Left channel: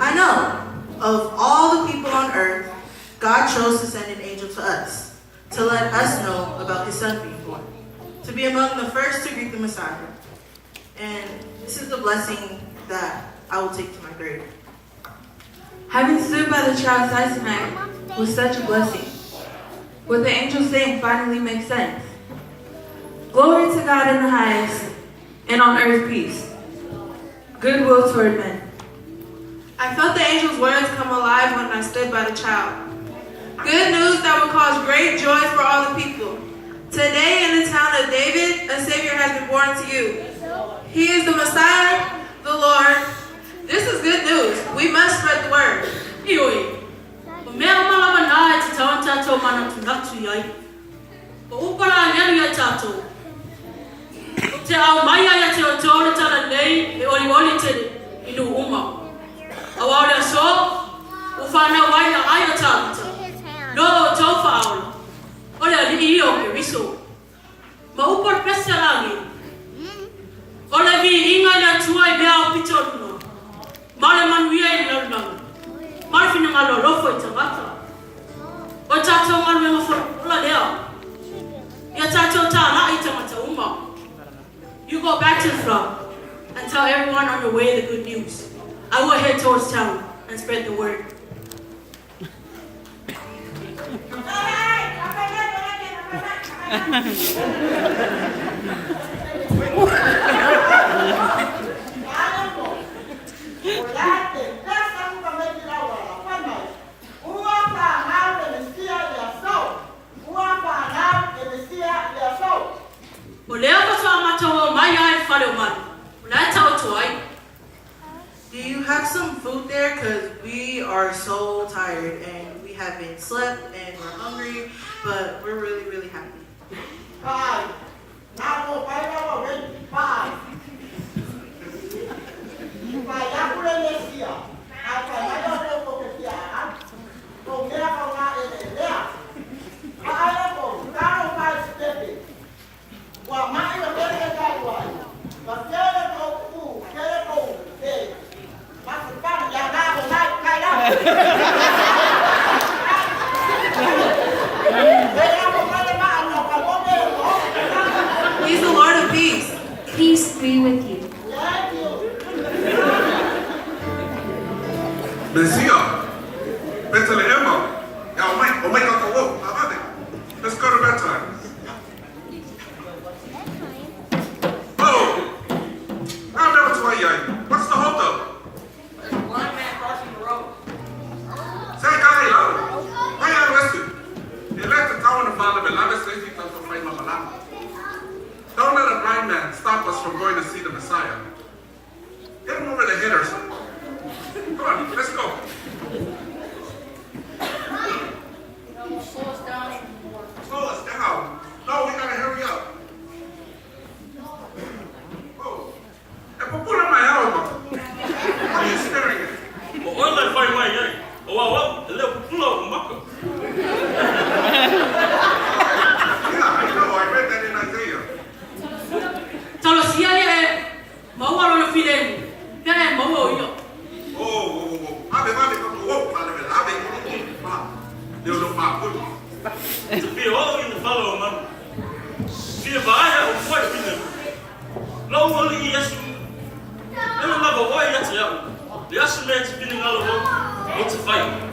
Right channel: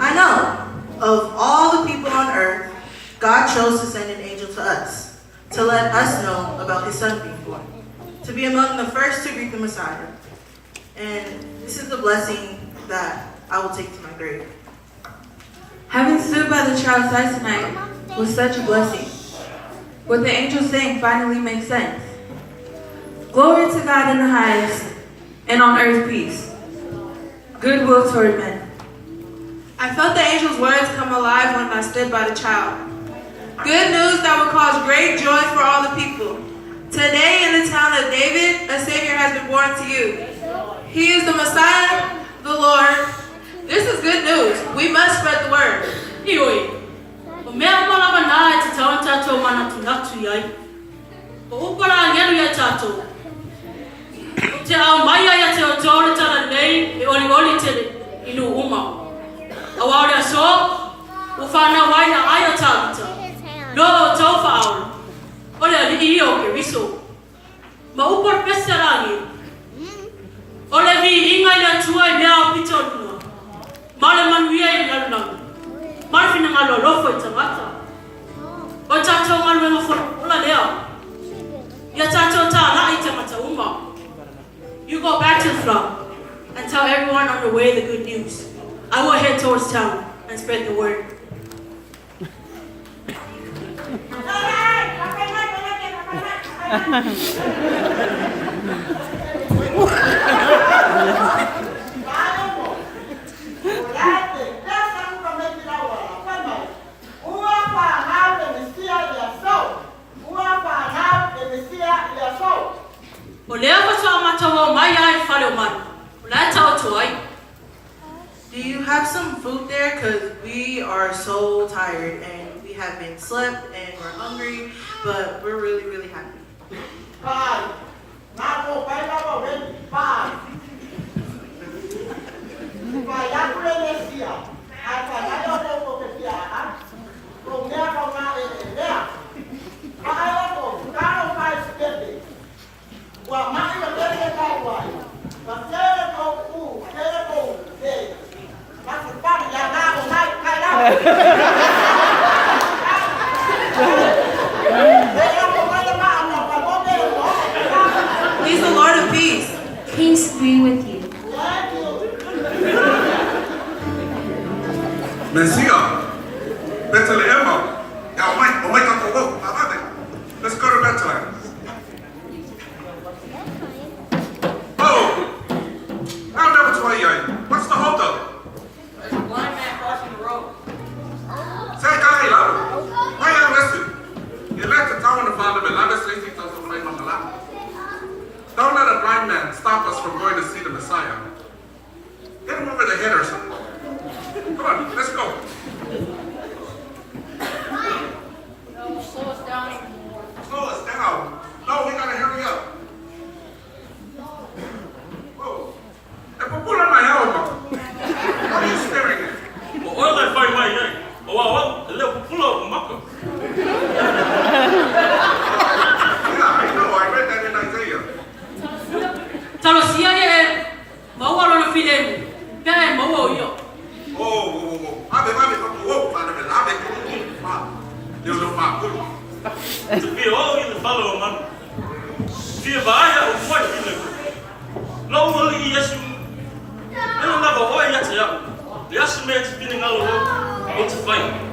I know. Of all the people on earth, God chose to send an angel to us, to let us know about his son being born, to be among the first to greet the Messiah. And this is the blessing that I will take to my grave. Having stood by the child's side tonight was such a blessing. What the angels saying finally makes sense. Glory to God in the highest, and on earth peace, goodwill toward men. I felt the angel's words come alive when I stood by the child. Good news that will cause great joy for all the people. Today in the town of David, a Savior has been born to you. He is the Messiah, the Lord. This is good news. We must spread the word. Awara so ufana waya ayo tata do tofa au ole ni iyo ke viso ma upor peserani ole vi inga na tuai mea pitonu mala man wiya ina na marfina ngalo lofo tamata o tata ngalo mo for ola dea ya tata ta na ita mata umma. You go back to the front and tell everyone on the way the good news. I will head towards town and spread the word. Do you have some food there? Because we are so tired and we haven't slept and we're hungry, but we're really, really happy. Bye. He's the Lord of peace. Peace be with you. Mesia, Bethlehem, let's go to bedtime. Oh, I'll never tell you. What's the hold up? There's a blind man crossing the road. Say, guy, why you listen? You let the town of Father Beloved say he comes from Mama. Don't let a blind man stop us from going to see the Messiah. Get him over the head or something. Come on, let's go. No, slow us down even more. Slow us down. No, we gotta hurry up. Oh, and pull on my elbow. What are you staring at? Yeah, I know. I read that in Isaiah. Talo siya mawa lo fidel. Kaya mawa yo. Oh, Ave, oh, Ave, Deus não faz tudo. Porque hoje não fala mano. Se vai o foi filho. Não vou lhe isso. Eu não vou olhar se eu. Yes, mate, been in a lot. What's the fight?